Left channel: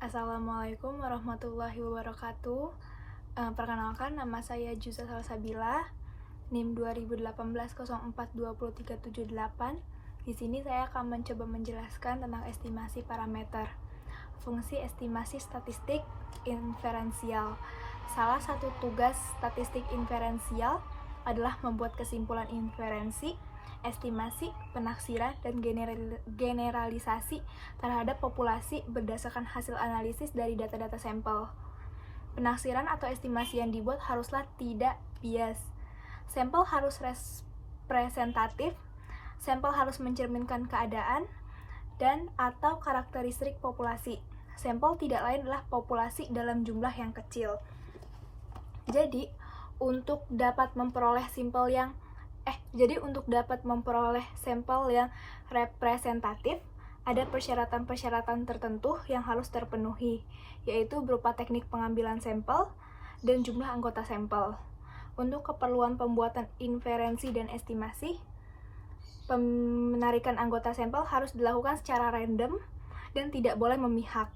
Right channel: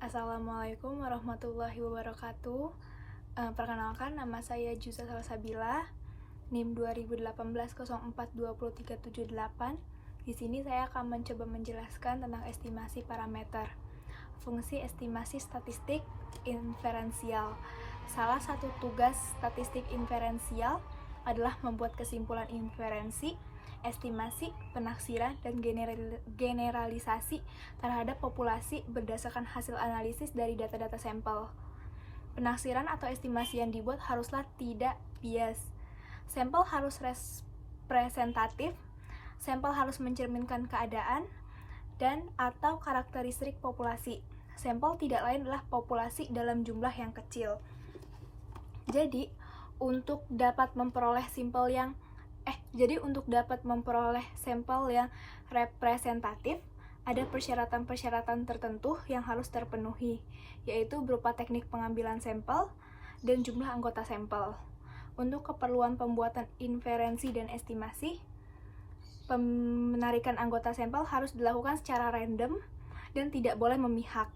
Assalamualaikum warahmatullahi wabarakatuh. Perkenalkan, nama saya Juza Salsabila, NIM 2018042038. Di sini saya akan mencoba menjelaskan tentang estimasi parameter. Fungsi estimasi statistik inferensial. Salah satu tugas statistik inferensial adalah membuat kesimpulan inferensi, estimasi, penaksiran, dan generalisasi terhadap populasi berdasarkan hasil analisis dari data-data sampel. Penaksiran atau estimasi yang dibuat haruslah tidak bias. Sampel harus representatif, sampel harus mencerminkan keadaan dan atau karakteristik populasi. Sampel tidak lain adalah populasi dalam jumlah yang kecil. Jadi, untuk dapat memperoleh sampel yang representatif, ada persyaratan-persyaratan tertentu yang harus terpenuhi, yaitu berupa teknik pengambilan sampel dan jumlah anggota sampel. Untuk keperluan pembuatan inferensi dan estimasi, penarikan anggota sampel harus dilakukan secara random dan tidak boleh memihak.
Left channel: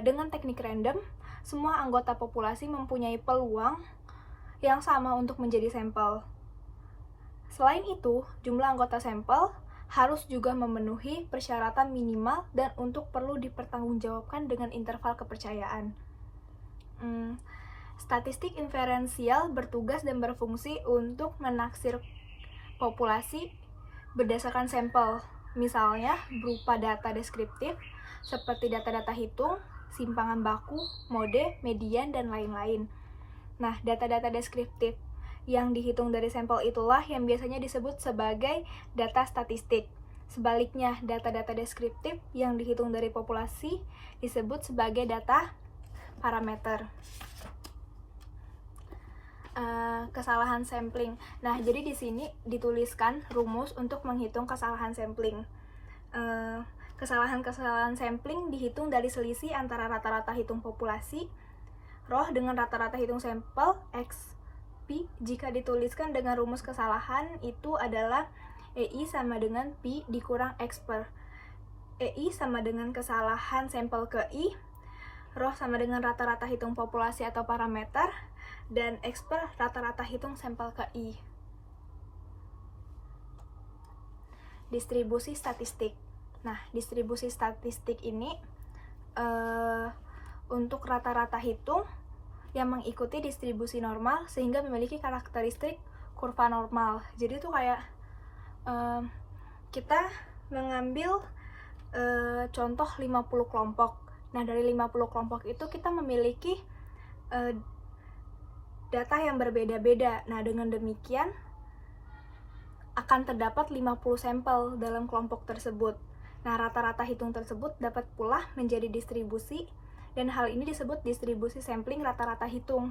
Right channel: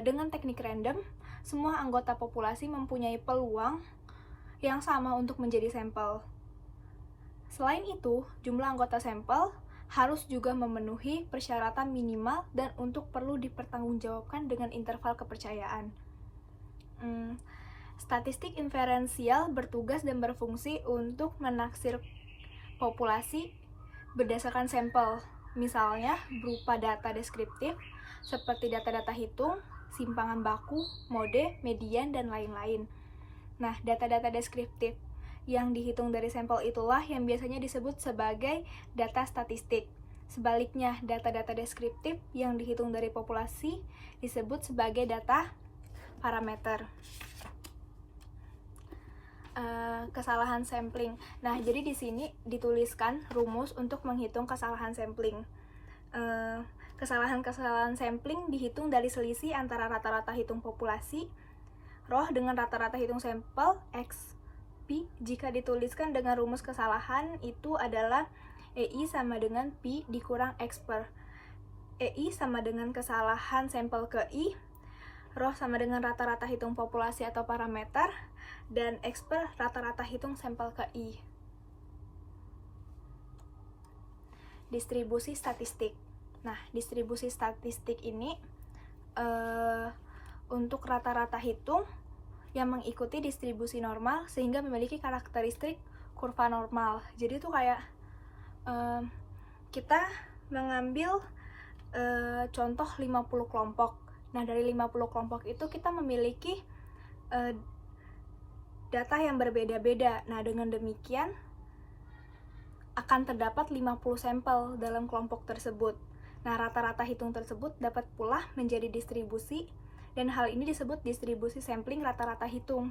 Dengan teknik random, semua anggota populasi mempunyai peluang yang sama untuk menjadi sampel. Selain itu, jumlah anggota sampel harus juga memenuhi persyaratan minimal dan untuk perlu dipertanggungjawabkan dengan interval kepercayaan. Statistik inferensial bertugas dan berfungsi untuk menaksir populasi berdasarkan sampel, misalnya berupa data deskriptif seperti data-data hitung, simpangan baku, mode, median, dan lain-lain. Nah, data-data deskriptif yang dihitung dari sampel itulah yang biasanya disebut sebagai data statistik. Sebaliknya, data-data deskriptif yang dihitung dari populasi disebut sebagai data parameter. Kesalahan sampling. Nah, jadi di sini dituliskan rumus untuk menghitung kesalahan sampling. Kesalahan sampling dihitung dari selisih antara rata-rata hitung populasi roh dengan rata-rata hitung sampel X P. Jika dituliskan dengan rumus kesalahan itu adalah EI sama dengan P dikurang X per. EI sama dengan kesalahan sampel ke I, roh sama dengan rata-rata hitung populasi atau parameter, dan X per rata-rata hitung sampel ke I. Distribusi statistik. Nah, distribusi statistik ini untuk rata-rata hitung yang mengikuti distribusi normal sehingga memiliki karakteristik kurva normal. Jadi itu kayak kita mengambil contoh 50 kelompok. Nah, dari 50 kelompok itu kita memiliki data yang berbeda-beda. Nah, dengan demikian akan terdapat 50 sampel dalam kelompok tersebut. Nah, rata-rata hitung tersebut dapat pula menjadi distribusi, dan hal ini disebut distribusi sampling rata-rata hitung,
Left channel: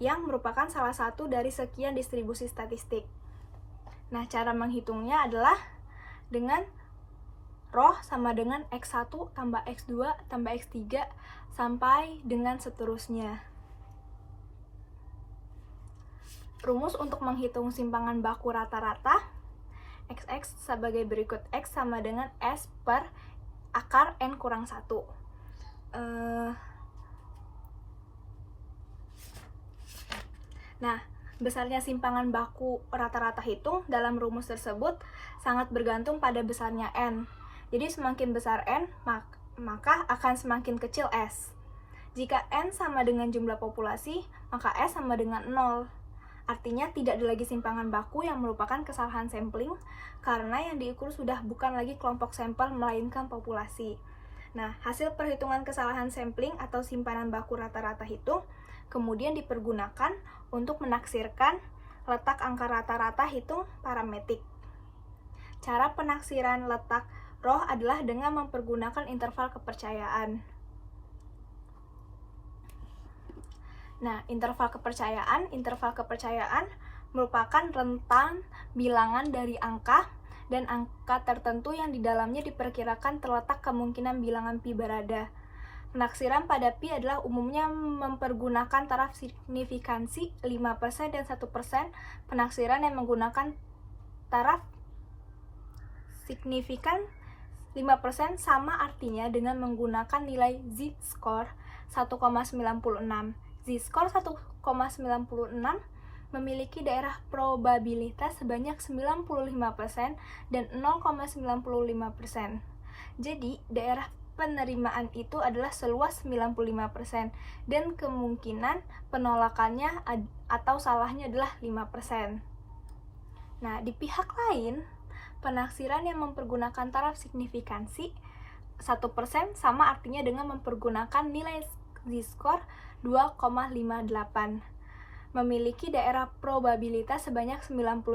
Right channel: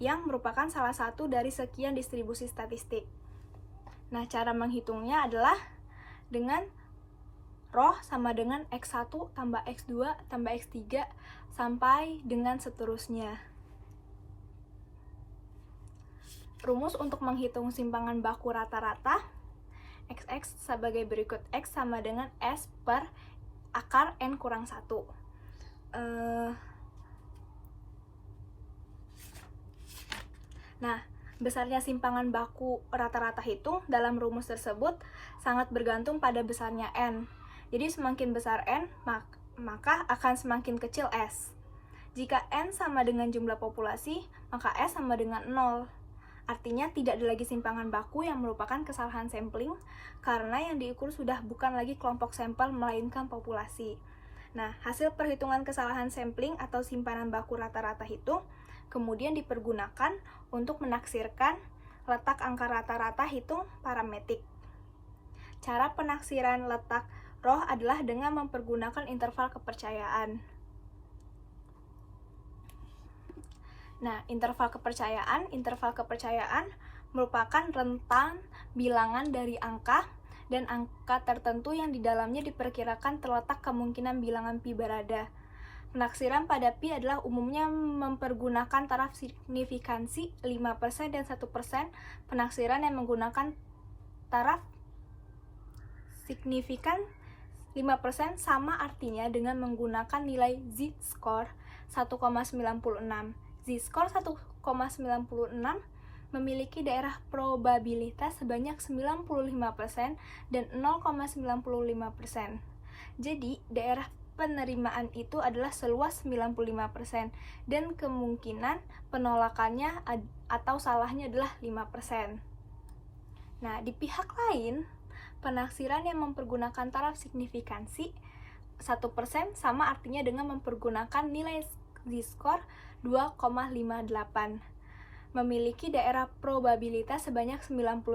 yang merupakan salah satu dari sekian distribusi statistik. Nah, cara menghitungnya adalah dengan roh sama dengan X1 tambah X2 tambah X3 sampai dengan seterusnya. Rumus untuk menghitung simpangan baku rata-rata XX sebagai berikut. X sama dengan S per akar N kurang 1. Nah, besarnya simpangan baku rata-rata hitung dalam rumus tersebut sangat bergantung pada besarnya N. Jadi semakin besar N, maka akan semakin kecil S. Jika N sama dengan jumlah populasi, maka S sama dengan 0. Artinya tidak ada lagi simpangan baku yang merupakan kesalahan sampling, karena yang diukur sudah bukan lagi kelompok sampel melainkan populasi. Nah, hasil perhitungan kesalahan sampling atau simpanan baku rata-rata hitung kemudian dipergunakan untuk menaksirkan letak angka rata-rata hitung parametrik. Cara penaksiran letak roh adalah dengan mempergunakan interval kepercayaan. Nah, interval kepercayaan merupakan rentang bilangan dari angka dan angka tertentu yang di dalamnya diperkirakan terletak kemungkinan bilangan pi berada. Penaksiran pada pi adalah umumnya mempergunakan taraf signifikansi 5% dan 1%. Penaksiran yang menggunakan taraf signifikan 5% sama artinya dengan menggunakan nilai z-score 1,96. Z-score 1,96 memiliki daerah probabilitas sebanyak 95% dan 0,95%. Jadi, daerah penerimaan itu adalah seluas 95% dan kemungkinan penolakannya atau salahnya adalah 5%. Nah, di pihak lain, penaksiran yang mempergunakan taraf signifikansi 1% sama artinya dengan mempergunakan nilai z-score 2,58. Memiliki daerah probabilitas sebanyak 99%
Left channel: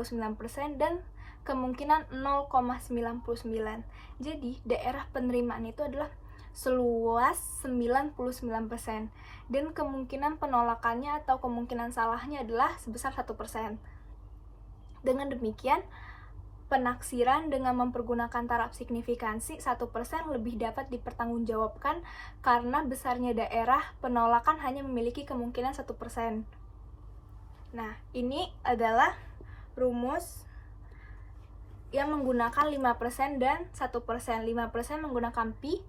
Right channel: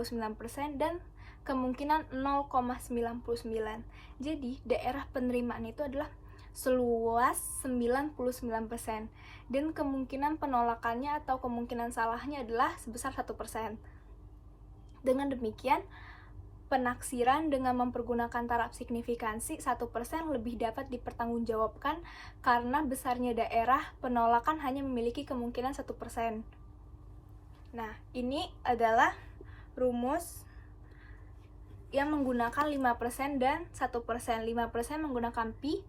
dan kemungkinan 0,99. Jadi, daerah penerimaan itu adalah seluas 99% dan kemungkinan penolakannya atau kemungkinan salahnya adalah sebesar 1%. Dengan demikian, penaksiran dengan mempergunakan taraf signifikansi 1% lebih dapat dipertanggungjawabkan karena besarnya daerah penolakan hanya memiliki kemungkinan 1%. Nah, ini adalah rumus yang menggunakan 5% dan 1%. 5% menggunakan pi,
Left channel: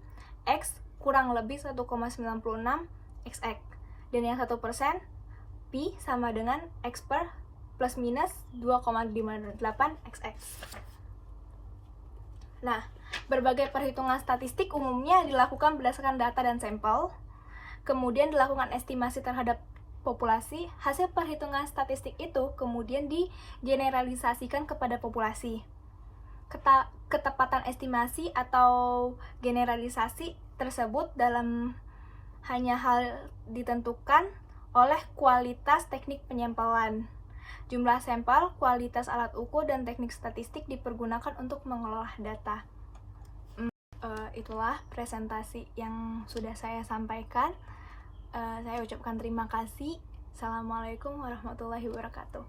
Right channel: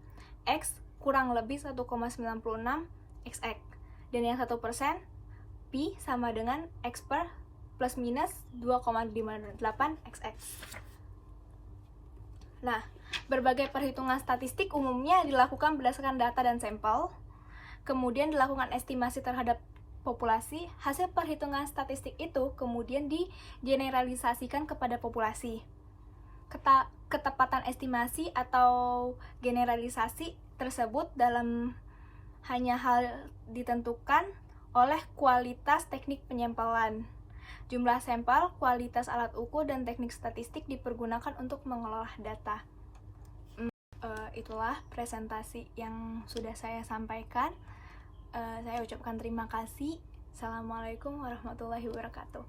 x kurang lebih 1,96 xx. Dan yang 1% pi sama dengan x per plus minus 2,58 xx. Nah, berbagai perhitungan statistik umumnya dilakukan berdasarkan data dan sampel. Kemudian dilakukan estimasi terhadap populasi. Hasil perhitungan statistik itu kemudian digeneralisasikan kepada populasi. Ketepatan estimasi atau generalisasi tersebut dalam hanya hal ditentukan oleh kualitas teknik penyampelan. Jumlah sampel, kualitas alat ukur, dan teknik statistik dipergunakan untuk mengolah data. Itulah presentasi yang sudah saya sampaikan. Saya ucapkan terima kasih. Assalamualaikum warahmatullahi wabarakatuh.